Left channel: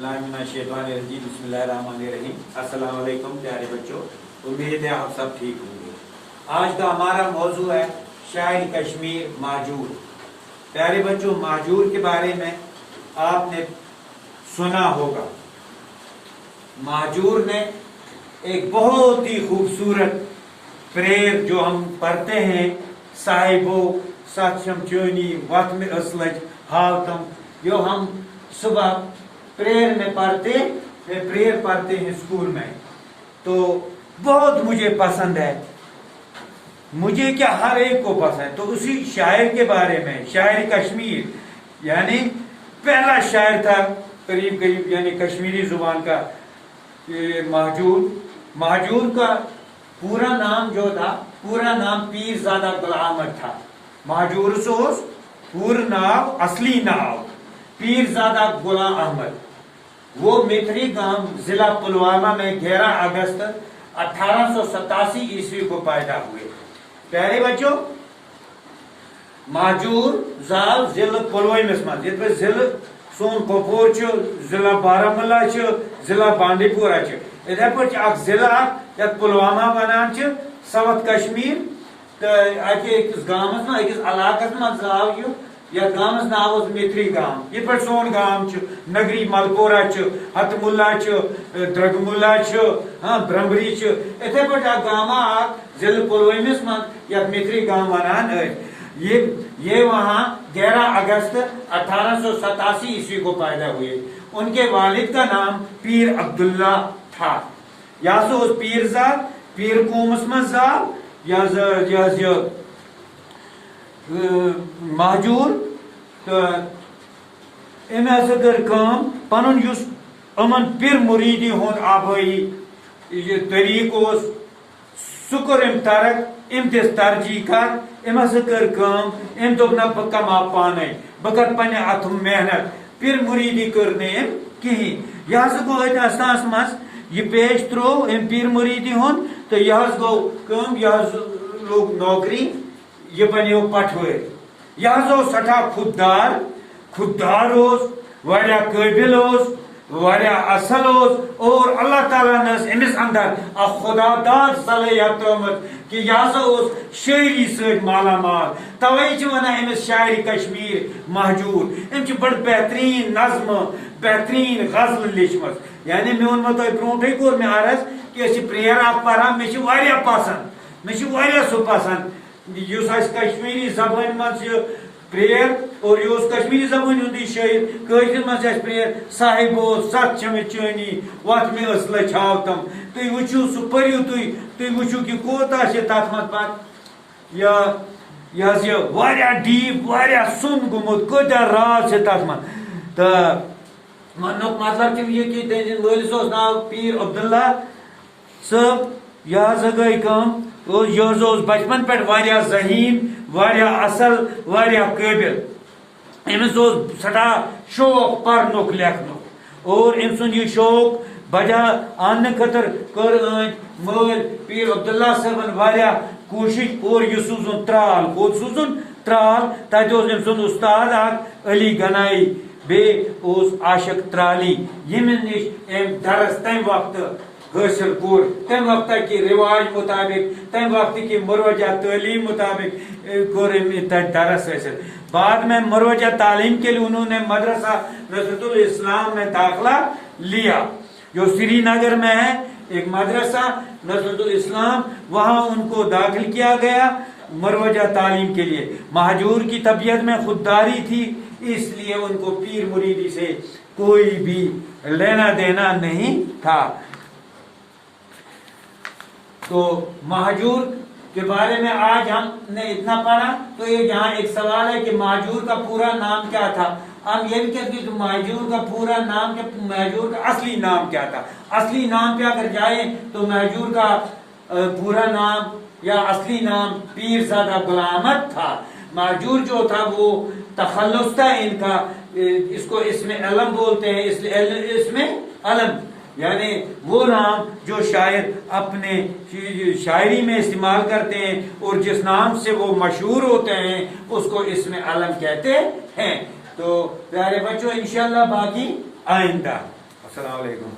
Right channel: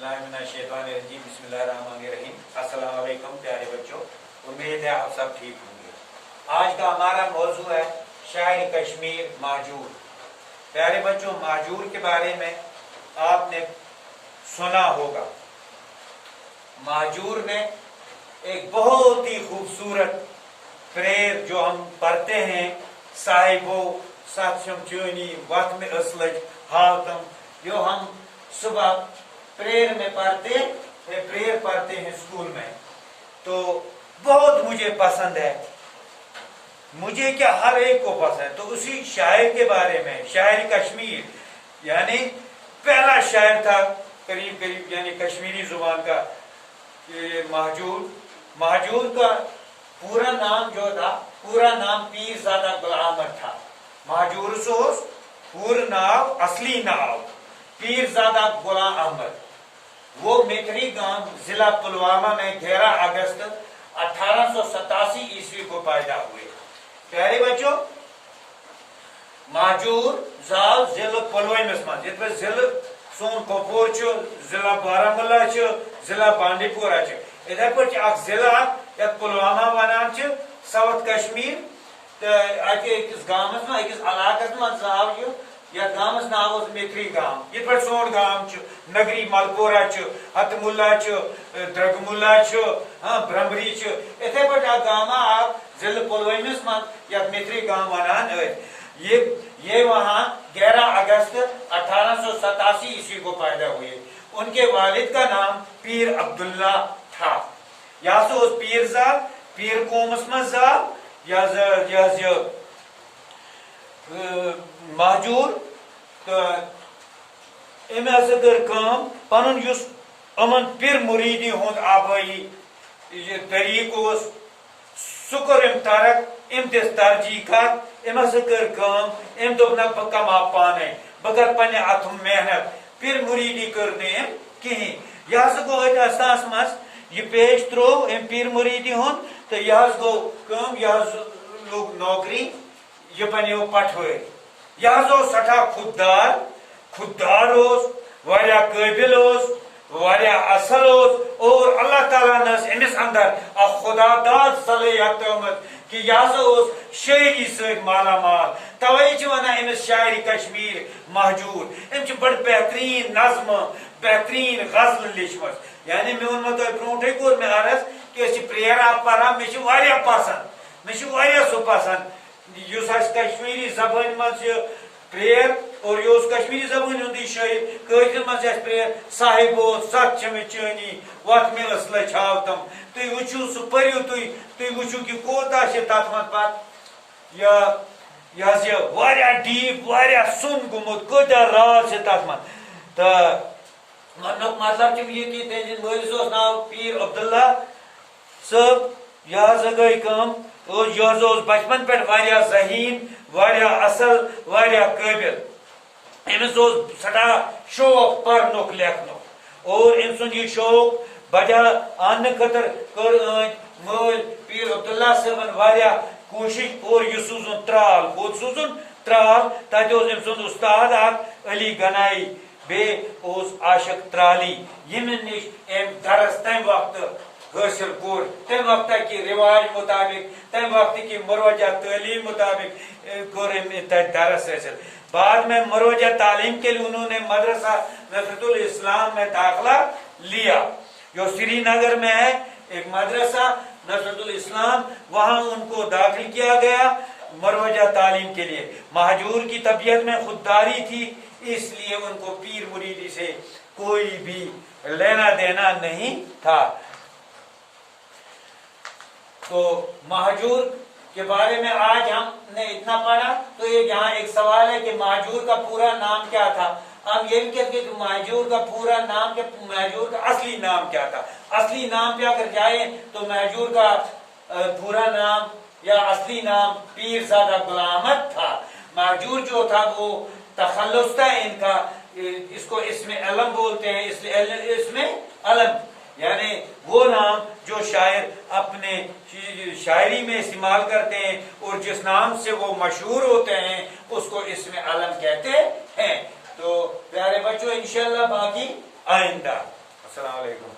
बिस्मिल्लाहिर्रहमानिर्रहीम। अस्सलाम वालेकुम प्यारे बच्चों, उम्मीद है आप सब ठीक होंगे। आज का हमारा मौजू है शायर कश्मीर माजूर। प्यारे बच्चों, माजूर के बारे में आपने सुना होगा। माजूर ने एक बहुत ही खूबसूरत प्रेयर जो हम पढ़ते हैं, साहिबो सक्षम चोनी वत में असलज हावतम, जो हम सुबह प्रेयर में प्रेयर पढ़ते हैं स्कूल में, तो बहुत मुझे पसंद है। मुझे क्या, हर एक को पसंद है। तो उसी शायर के बारे में, शायर कश्मीर यानी पहला शायर था करीब करीब यानी कश्मीरी जुबान का माजूर का पूरा नाम जो था, पूरा नाम पीरजादा गुलाम अहमद था। माजूर सोस पूर्ण नाम, असली नाम पीरजादा गुलाम अहमद। वो मेखरी गांव जिला पुलवामा में 11 अगस्त 1887 ईस्वी को पैदा हुए। प्यारे बच्चों, माजूर जाल जिला पुलवामस मज, ये जिला सोन कपोर, जिला बारामूला, जिला बांडीपुरा, इधे पे जिला पुलवामा वनान साउथ कश्मीर। अकिस गामस में, अकिस इलाकस मज आव यह गामस नाव मेथरी गाम। ये पे सोन गाम नगरी मलकोरा, हतमुल्ला, द्रगमुल्ला, ब्रह्मरी, इथे पे गामा जिला पुलवामस मज या मेथरी गाम वनान। ये वहां 11 अगस्त 1887 ईस्वी को पैदा हुए। उनके वालिद का नाम पीर अब्दुल्ला था। या सो पीर कौमस मज माजूर तो अमे हसा कर पन अमन पिर मुरीदी हुंद आबाई तरीक सह कोर तरक, अम दिस तरजीह कत। अम हसा कर अम दोप ना बह कमा पाने, बह कर पन्ने अथ मेहनत। पिर मुरीदी कर कहीं। यह हसा गो असास मज यह पेश त्रो अम पीर मुरीदी हुंद, तो यह गो यह लोग नौकरी, यह बनो पठवर। यह सठा खुददार वारिया काबिल, वारिया असल, और अल्लाह ताला ने अमिस अंदर खुदादाद सलाहियत कि यह शायरी से माला माल। तवे वन अमिस शायर कश्मीर महजूर। अम बड़ बेहतरीन नज्म, बेहतरीन गजल लिखम। यानी मे वो तुम ब्रोटे कोर मे अर्ज कि प्रेयर आप पढ़ा, मे पसंद, मे सह पसंद कश्मीरी जबान मज प्रेयर, और यह कश्मीरी जबान हुंद शायर। कशिर मज प्रेयर साहिबो सक्षम चोनी वत में असला छावतम। तुम वुचु सह पढ़ू, तुम वुचु कि कोता तथ मज पत यह डीप, सुन गुमुत, कता राज तथ मज। तो वन मतलब कि मालिस नाव पीर अब्दुल्ला सब। यह गई यह बचपन पे जहीन, असल, काबिल। अमिस सठा शौक पढ़नुक लेखनुक, और अम सुंद यह शौक बजा आन खतर कर मल पीर अब्दुल्ला साहबन कोशिश, और यह सूजुन त्राल, कोत सूजुन त्राल। तत अम सुंद उस्ताद अली गनाई, बे आशिक त्राली, यमन निश अम दरस तम वक्त हासिल कोर, तम वक्त की रिवाज मुताबिक, तम वक्त की मरोजा तालीम मुताबिक कोर दरस हासिल। बाद में मरोजा तालीम के लिए उन्होंने मदरसा नसरतुल इस्लाम में दाखिला लिया, जो श्रीनगर में है एक मदरसा नसरतुल इस्लाम। वहां उनको दाखिल किया गया मरोजा तालीम के लिए। महजूर की तबीयत में खुददारी थी, इसलिए उनको पीर मुरीदी से कोई भी लेना देना नहीं था। तो महजूर के बारे में आज हमने इतना पढ़ा। तो ये यहाँ एक सवाल है कि महजूर का पूरा नाम क्या था। हम ये भी कहते हैं कि महजूर का पूरा नाम क्या, महजूर का असली नाम क्या था। असली नाम पे अगर जाए तो महजूर का पूरा नाम या असली नाम पीरजादा गुलाम अहमद था। महजूर जो था वो तखल्लुस था इनका, इसको इसमें अलम बोलते हैं, इसमें अलम यानी वो नाम जो शायर अपने शायरी में इस्तेमाल करते हैं, और जिस नाम से वो मशहूर होते हैं उसको इसमें अलम कहते हैं। तो प्यारे बच्चों, इंशाल्लाह बाकी आइंदा। السلام علیکم.